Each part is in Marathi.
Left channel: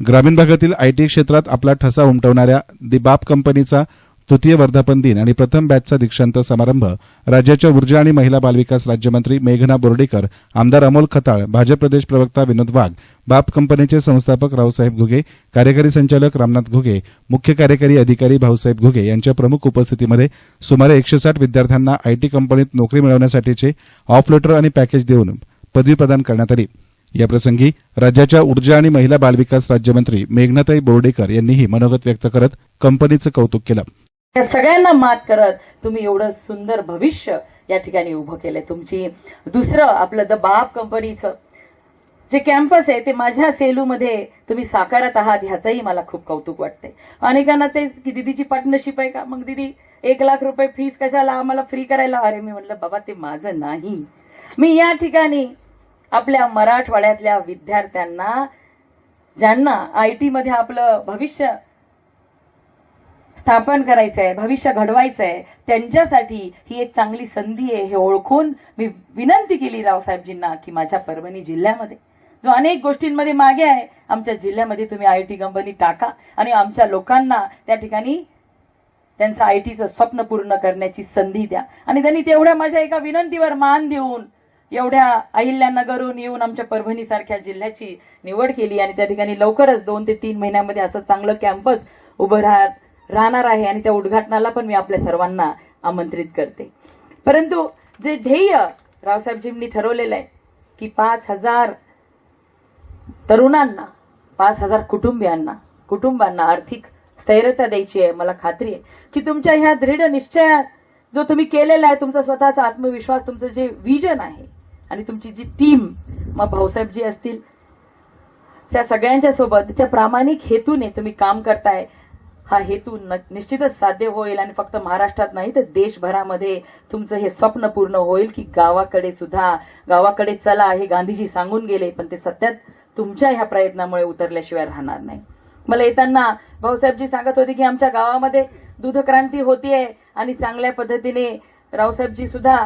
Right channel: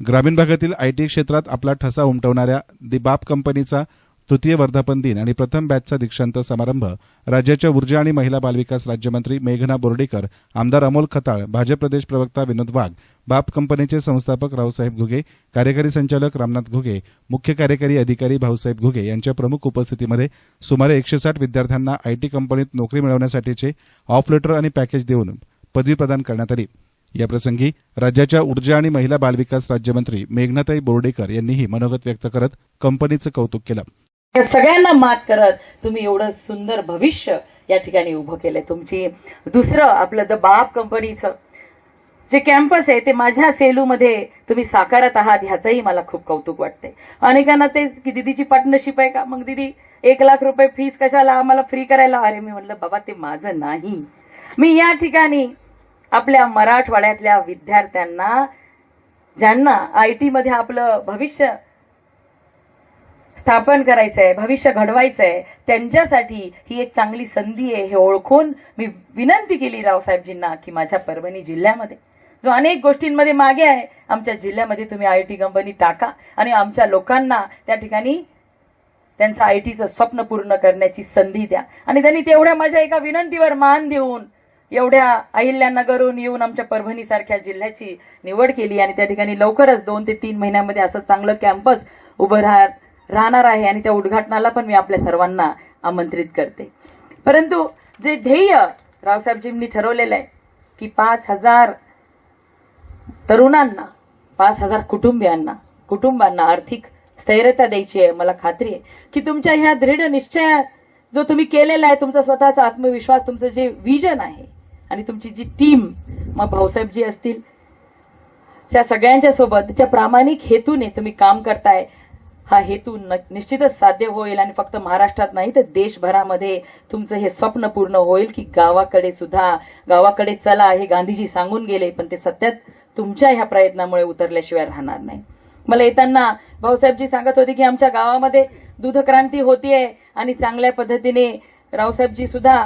ग्रामीण भागातील आयटी क्षेत्रात आपला ठसा उमटवणाऱ्या दि बाप कंपनीचा तृतीय वर्धापन दिन आणि प्रथम बॅचचा दीक्षांत समारंभ राज्याच्या ऊर्जा आणि महिला बालविकास राज्यमंत्री मेघना बोर्डीकर आमदार अमोल खताळ भाजप प्रदेश प्रवक्ता विनोद वाघ बाप कंपनीचे संस्थापक रावसाहेब घुगे कार्यकारी संचालक रामनाथ घुगे मुख्य कार्यकारी अधिकारी भाऊसाहेब घुगे यांच्या प्रमुख उपस्थितीमध्ये सुमारे एकशे साठ विद्यार्थ्यांना आयटी कंपनीत नोकरी मिळवण्यासाठीचे ऑफ लेटर आणि पॅकेज देऊन पदवी प्रदान करण्यात आली. याप्रसंगी राज्याच्या ऊर्जा आणि महिला बालविकास राज्यमंत्री मेघनाताई बोर्डेकर यांनीही मनोगत व्यक्त करत कंपनीचं कौतुक केलं. या सगळ्यांना मात करत तुम्ही एवढं सुंदर भविष्य या ठिकाणी उभं केलंय. तुमची दुसरं आपलं द बाप कंपनीचं जे कॅम्पस आहे ते माझ्या सेलूमध्ये तुम्ही साकारत आहात ह्याचंही मला खूप कौतुक वाटते अनेकांना तेच की दिदीची पार्टनरशिप आहे का? मग दिदी एक लाख रुपये फीस कशाला? आम्हाला फ्री करायला? अरे मी म्हटलं बाबा ते माझं नाही. मी या ठिकाणी आपल्या मराठवाड्यातल्या विद्यार्थ्यांना ज्यांना आय टी मध्ये आपलं भविष्य स्थापन करायचं आहे भविष्य घडवायचं आहे त्यांच्यासाठी ही एक चांगली संधी आहे हे ओळखून मी विनंती केली रावसाहेबजींना की माझ्या परभणी जिल्ह्यामध्ये. जो अनेक गोष्टींमध्ये मागे आहे आमच्या जिल्ह्यामध्ये तुम्ही आय टी कंपनी टाका आणि आमच्या लोकांना त्या ठिकाणी त्यांचं आय टीचं स्वप्न पूर्ण करण्याची संधी द्या. आणि त्यांनी तेवढ्या माझ्या एका विनंतीवर मान देऊन एवढ्या अहिल्यानगरहून येऊन आमच्या परभणी सारख्या जिल्ह्याची निवड केली आणि त्या ठिकाणी लवकरच दोन ते तीन महिन्यामध्ये असं चांगलं कॅम्पस उभं राह राहणार आहे आणि त्या उद्घाटनाला पण मी आपल्या सर्वांना आमंत्रित करते. परंतु जे ध्येय रावसाहेबजींनी ठरवलेलं आहे की पाच हजार तरुणांना पाच हजार कुटुंबियांना कुटुंबांना आर्थिक स्थैर्यता द्यायची आहे मला खात्री आहे की तुमच्या ह्या दृढ निश्चयात जो तुम्ही केलेला आहे तुमचा स्वतःचा आत्मविश्वास तुमचं जे विजन आहे आणि तुमची जी टीम मग भाऊसाहेबजी असतील त्या सगळ्यांच्या सोबत त्या प्रामाणिक हेतूने तुम्ही काम करताय. हा हेतू न- निश्चितच साध्य होईल आणि फक्त महाराष्ट्रात नाही तर देशभरामध्ये तुमचं हे स्वप्न पूर्ण होईल की गावाकडे सुद्धा गावाकडे चला हे गांधीजी सांगून गेले पण ते सत्यात तुमच्या ह्या प्रयत्नामुळे उतरल्याशिवाय राहणार नाही. मला येताना भाऊसाहेबजी सांगत होते की आमच्या गावामध्ये दूध क्रांती होतीये आणि चांगल्या पद्धतीने रावसाहेबजी सुद्धा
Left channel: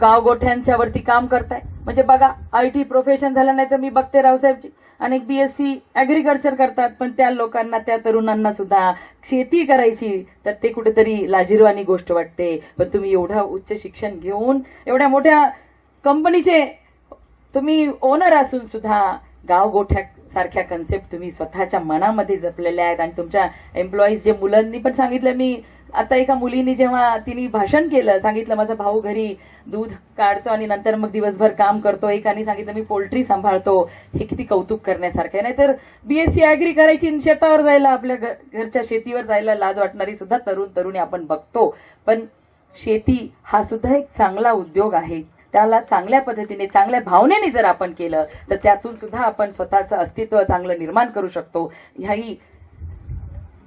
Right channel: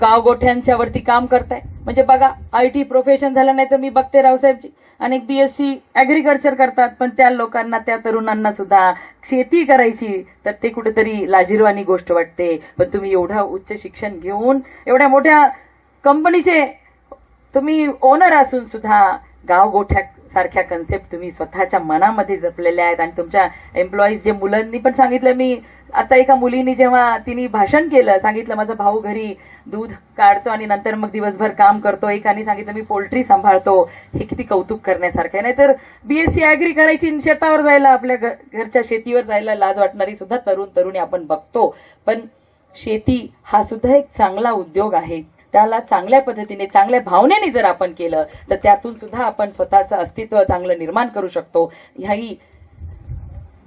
गावगोठ्यांच्या वरती काम करताय. म्हणजे बघा आय टी प्रोफेशन झालं नाही तर मी बघते रावसाहेबजी. अनेक बीएससी ऍग्रिकल्चर करतात पण त्या लोकांना त्या तरुणांना सुद्धा शेती करायची तर ते कुठेतरी लाजिरवाणी गोष्ट वाटते. पण तुम्ही एवढं उच्च शिक्षण घेऊन एवढ्या मोठ्या कंपनीचे तुम्ही ओनर असून सुद्धा गाव गोठ्या सारख्या कन्सेप्ट तुम्ही स्वतःच्या मनामध्ये जपलेल्या आहेत आणि तुमच्या एम्प्लॉईज जे मुलांनी पण सांगितलं मी आता एका मुलीने जेव्हा तिने भाषण केलं सांगितलं माझा भाऊ घरी दूध काढतो आणि नंतर मग दिवसभर काम करतो. एकाने सांगितलं मी पोल्ट्री सांभाळतो. हे किती कौतुक करण्यासारखं आहे. नाहीतर बीएससी अॅग्री करायची शेतावर जायला आपल्या घरच्या शेतीवर जायला लाज वाटणारी सुद्धा तरुण तरुणी आपण बघतो. पण शेती हा सुद्धा एक चांगला उद्योग आहे. त्याला चांगल्या पद्धतीने चांगल्या भावनेने जर आपण केलं तर त्यातून सुद्धा आपण स्वतःचं अस्तित्व चांगलं निर्माण करू शकतो. ह्याही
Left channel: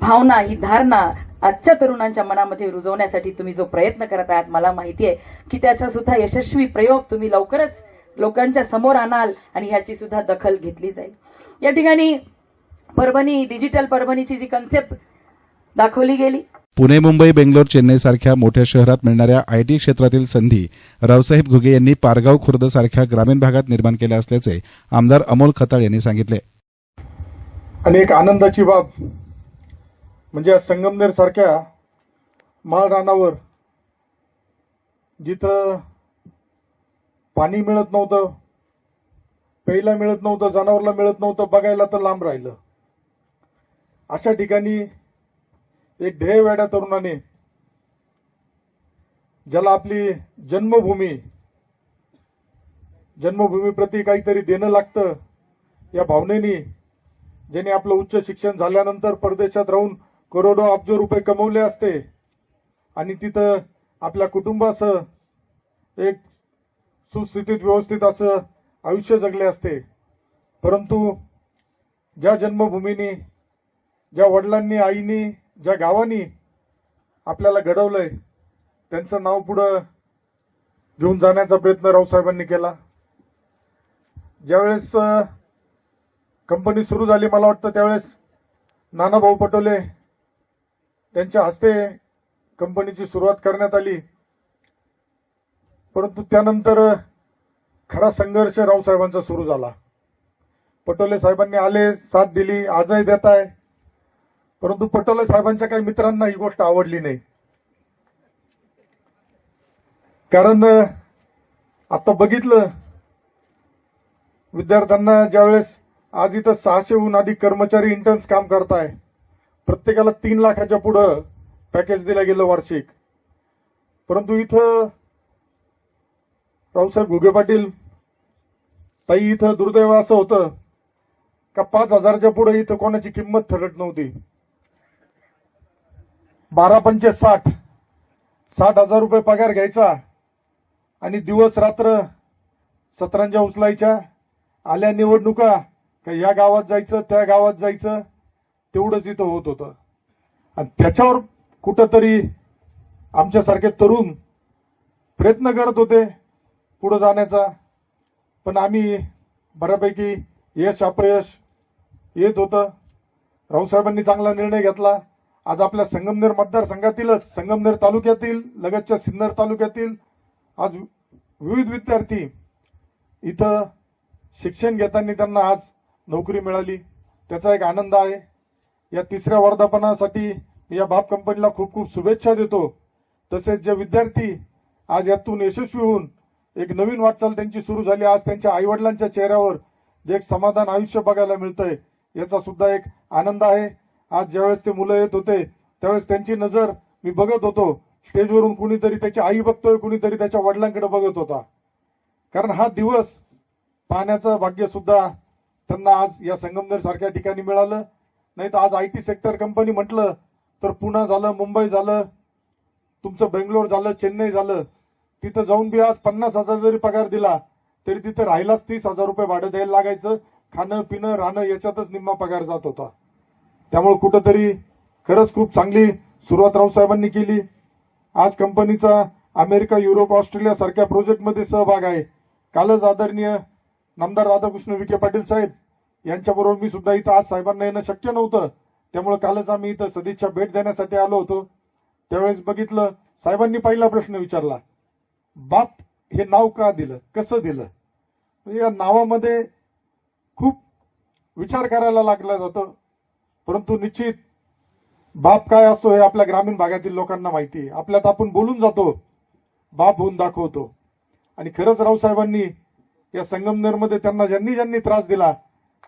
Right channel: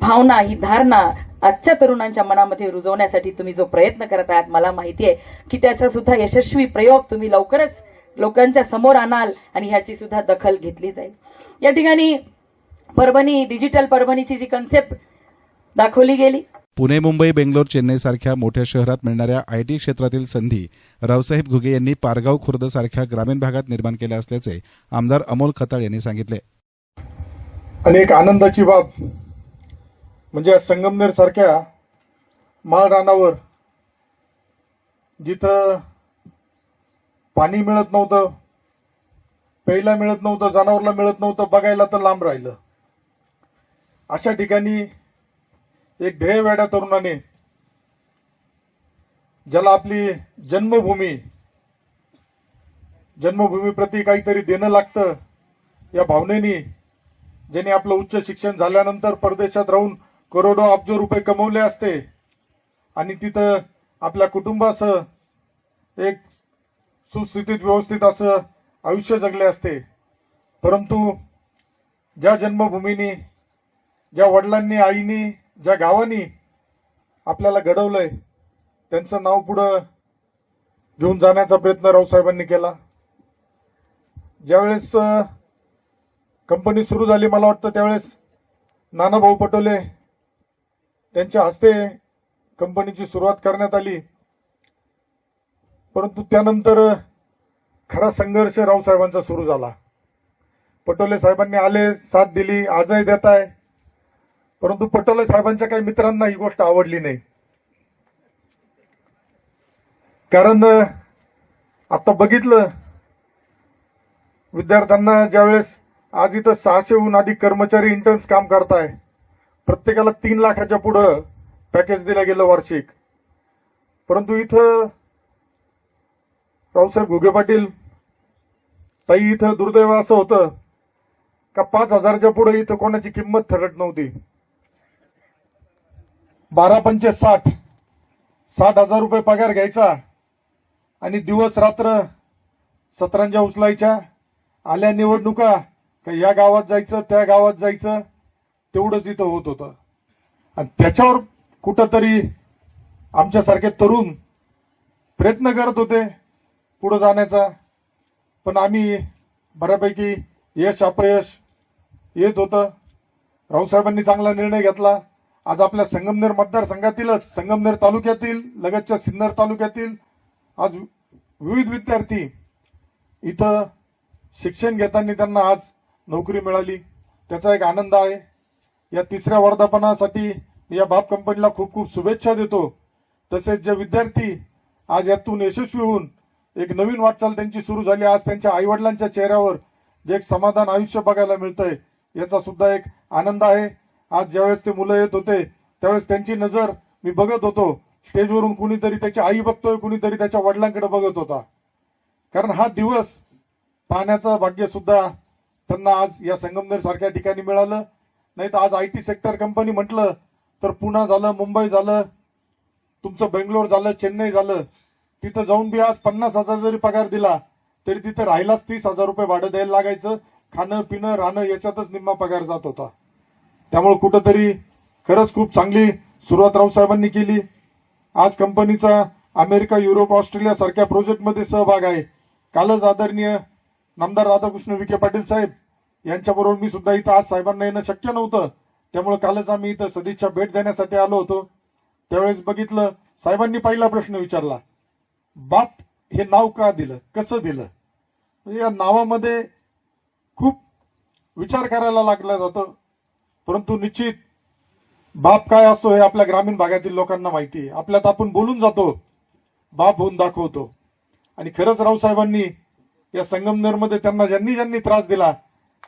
भावना ही धारणा आजच्या तरुणांच्या मनामध्ये रुजवण्यासाठी तुम्ही जो प्रयत्न करत आहात मला माहिती आहे की त्याचा सुद्धा यशस्वी प्रयोग तुम्ही लवकरच लोकांच्या समोर आणाल आणि ह्याची सुद्धा दखल घेतली जाईल. या ठिकाणी परभणी डिजिटल परभणीची जी कन्सेप्ट दाखवली गेली पुणे मुंबई बेंगलोर चेन्नई सारख्या मोठ्या शहरात मिळणाऱ्या आयटी क्षेत्रातील संधी रावसाहेब घुगे यांनी पारगाव खुर्द सारख्या ग्रामीण भागात निर्माण केल्या असल्याचे आमदार अमोल खताळ यांनी सांगितले. आणि एक आनंदाची बाब. म्हणजे संगमनेर सारख्या माळरानावर जिथं पाणी मिळत नव्हतं प्यायला मिळत नव्हतं जनावरला मिळत नव्हतं बघायला तर लांब राहिलं. अशा ठिकाणी एक ध्येयवेड्या तरुणाने ज्याला आपली जन्मभूमी जन्मभूमीप्रती काहीतरी देणं लागतं या भावनेनी ज्याने आपलं उच्च शिक्षण झाल्यानंतर परदेशात राहून करोडो अब्ज रुपये कमवले असते आणि तिथं आपल्या कुटुंबासह एक सुस्थितीत व्यवस्थित असं आयुष्य जगले असते. परंतु ज्या जन्मभूमीनी ज्या वडिलांनी आईनी ज्या गावांनी आपल्याला घडवलंय त्यांचं नाव पुढं घेऊन जाण्याचा प्रयत्न रावसाहेबांनी केला. ज्यावेळेस कंपनी सुरू झाली मला वाटतं त्यावेळेस नानाभाऊ पटोले त्यांच्या हस्ते कंपनीची सुरुवात करण्यात आली. परंतु त्यानंतर खरा संघर्ष रावसाहेबांचा सुरू झाला. पटोले साहेबांनी आले साथ दिली आजही देत आहे परंतु पटोले साहेबांच्या काही मित्रांना ही गोष्ट आवडली नाही. कारण आता बघितलं विद्यार्थ्यांना ज्यावेळेस आज इथं सहाशेहून अधिक कर्मचारी इंटर्न्स काम करताय प्रत्येकाला तीन लाखाच्या पुढं पॅकेज दिलं गेलं वार्षिक. परंतु इथं रावसाहेब घुगे पाटील ताई इथं दुर्दैव असं होतं का पाच हजारच्या पुढे इथं कोणाची किंमत ठरत नव्हती. बारा पंचे साठ. साठ हजार रुपये पगार घ्यायचा. आणि दिवस रात्र सतरांच्या उचलायच्या. आल्या निवडणुका का या गावात जायचं त्या गावात जायचं तेवढंच इथं होत होतं. आणि त्याच्यावर कुठंतरी आमच्यासारखे तरुण प्रयत्न करत होते पुढं जाण्याचा. पण आम्ही बऱ्यापैकी यश अपयश येत होतं. रावसाहेबांनी चांगला निर्णय घेतला. आज आपल्या संगमनेर मतदारसंघातीलच संगमनेर तालुक्यातील लगतच्या सिन्नर तालुक्यातील आज विविध विद्यार्थी इथं शिक्षण घेताना त्यांना आज नोकरी मिळाली. त्याचा एक आनंद आहे. या तिसऱ्या वर्धापनासाठी या बाप कंपनीला खूप खूप शुभेच्छा देतो. तसेच जे विद्यार्थी आज यातून यशस्वी होऊन एक नवीन वाटचाल त्यांची सुरू झाली. आज त्यांच्या आईवडिलांच्या चेहऱ्यावर जे एक समाधान आयुष्य बघायला मिळतंय याचा सुद्धा एक आनंद आहे. आज ज्यावेळेस ते मुलं येत होते त्यावेळेस त्यांची नजर मी बघत होतो. स्टेजवरून कुणीतरी त्याची आई बघतोय कुणीतरी त्याच्या वडिलांकडे बघत होता. कारण हा दिवस पाहण्याचं भाग्य सुद्धा त्यांना आज या संगमनेर सारख्या ठिकाणी मिळालं. नाही तर आज आय टी सेक्टर कंपनी म्हटलं तर पुणे झालं मुंबई झालं तुमचं बेंगलोर झालं चेन्नई झालं. तिथं जाऊन बी आज पन्नास हजार जरी पगार दिला तरी तिथे राहिलाच तीस हजार रुपये भाडं द्यायला लागायचं. खाणं पिणं राहणं याच्यातच निम्मा पगार जात होता. त्यामुळे कुठंतरी खरंच खूप चांगली सुरुवात रावसाहेबांनी केली. आज कंपनीचा अमेरिका युरोप ऑस्ट्रेलिया सारख्या प्रोजेक्टमध्ये सहभाग आहे. कालच आदरणीय नामदार राधाकृष्ण विखे पाटील साहेब यांच्याबरोबर मी सुद्धा इथं आज साहेबांना येणं शक्य नव्हतं. त्यामुळे कालच आम्ही इथं सदिच्छा भेट देण्यासाठी आलो होतो. त्यावेळेस बघितलं साहेबांनी पहिला प्रश्न विचारला बाप हे नाव का दिलं? कसं दिलं? या नावामध्ये खूप विचार करायला लागला जातं. परंतु निश्चित बाप काय असतो हे आपल्या ग्रामीण भागातील लोकांना माहिती आहे. आपल्यात आपण बोलून जातो बाप होऊन दाखवतो. आणि खरंच रावसाहेबांनी या संगमनेरमध्ये त्यांना ज्यांनी ज्यांनी त्रास दिला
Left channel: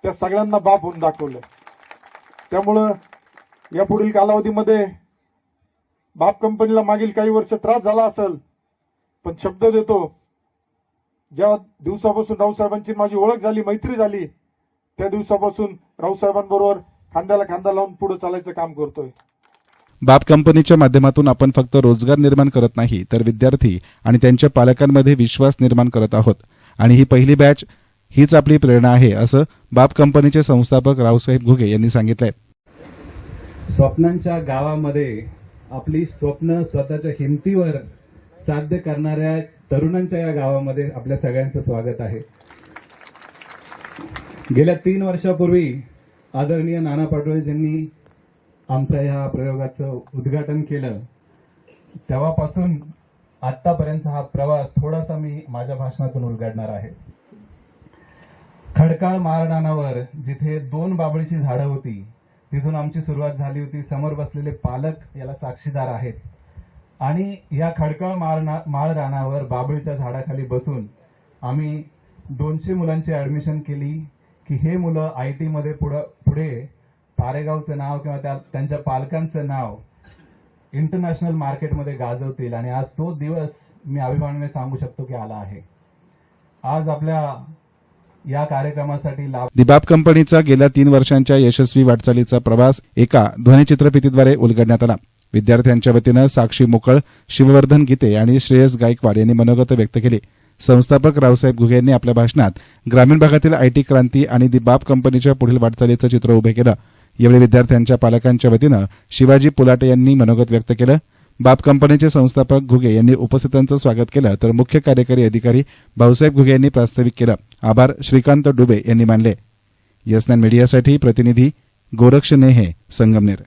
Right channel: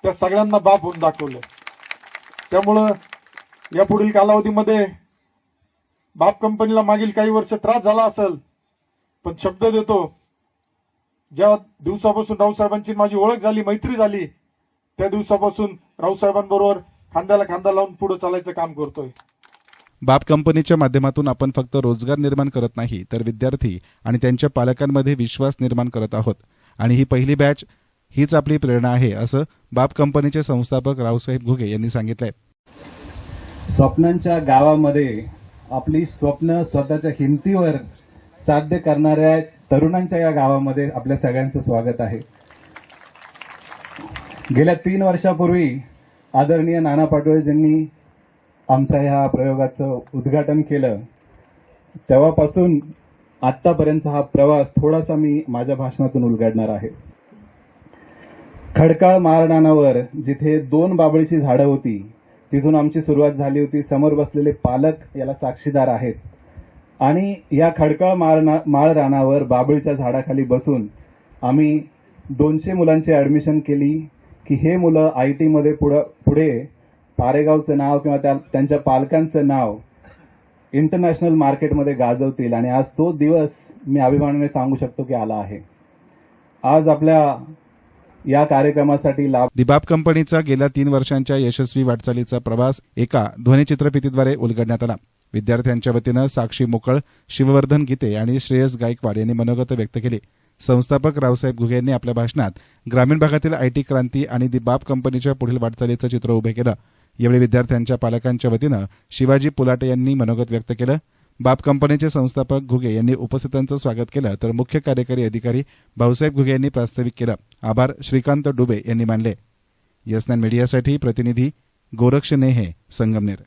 त्या सगळ्यांना बाप होऊन दाखवलं. त्यामुळं या पुढील कालावधीमध्ये बाप कंपनीला मागील काही वर्ष त्रास झाला असेल पण शब्द देतो ज्या दिवसापासून रावसाहेबांची माझी ओळख झाली मैत्री झाली त्या दिवसापासून रावसाहेबांबरोबर खांद्याला खांदा लावून पुढे चालायचं काम करतोय. बाप कंपनीच्या माध्यमातून आपण फक्त रोजगार निर्माण करत नाही तर विद्यार्थी आणि त्यांच्या पालकांमध्ये विश्वास निर्माण करत आहोत. आणि ही पहिली बॅच हीच आपली प्रेरणा आहे असं बाप कंपनीचे संस्थापक रावसाहेब घुगे यांनी सांगितलंय. स्वप्नांच्या गावामध्ये आपली स्वप्न स्वतःच्या हिमतीवर साध्य करणाऱ्या तरुणांच्या या गावामध्ये आपल्या सगळ्यांचं स्वागत आहे. गेल्या तीन वर्षापूर्वी आदरणीय नाना पाटोळेजींनी आमच्या ह्या प्रयोगाचं उद्घाटन केलं तेव्हापासून आत्तापर्यंत हा प्रवास थोडासा मी माझ्या भाषणातून उलगडणार आहे. खडकाळ मारडानावर जिथे दोन बाबळीची झाडं होती तिथून आमची सुरुवात झाली होती. समोर बसलेले पालक याला साक्षीदार आहेत. आणि या खडकाळ माळना माळरानावर बाबळीच्या झाडाखाली बसून आम्ही दोनशे मुलांची ऍडमिशन केली की हे मुलं आय टीमध्ये पुढं पुढे पारेगावचं नाव किंवा त्या त्यांच्या पालकांचं नाव इंटरनॅशनल मार्केटमध्ये गाजवतील. आणि आज तो दिवस मी अभिमानाने सांगू शकतो की आला आहे. आज आपल्या या कार्यक्रमासाठी लाभ दिबाब कंपनीचा गेल्या तीन वर्षांच्या यशस्वी वाटचालीचा प्रवास एका ध्वनिचित्रफितीद्वारे उलगडण्यात आला. विद्यार्थ्यांच्या वतीनं साक्षी मोकळ शिववर्धन गीते आणि श्रेयस गायकवाड यांनी मनोगत व्यक्त केली. संस्थापक रावसाहेब घुगे यांनी आपल्या भाषणात ग्रामीण भागातील आयटी क्रांती आणि दी बाप कंपनीच्या पुढील वाटचालीचं चित्र उभे केलं. यावेळी विद्यार्थ्यांच्या पालकांच्या वतीनं शिवाजी पुलाटे यांनी मनोगत व्यक्त केलं. बाप कंपनीचे संस्थापक घुगे यांनी उपस्थितांचं स्वागत केलं तर मुख्य कार्यकारी अधिकारी भाऊसाहेब घुगे यांनी प्रास्ताविक केलं. आभार श्रीकांत डुबे यांनी मानले. यस मीडियासाठी प्रतिनिधी गोरक्ष नेहे संगमनेर.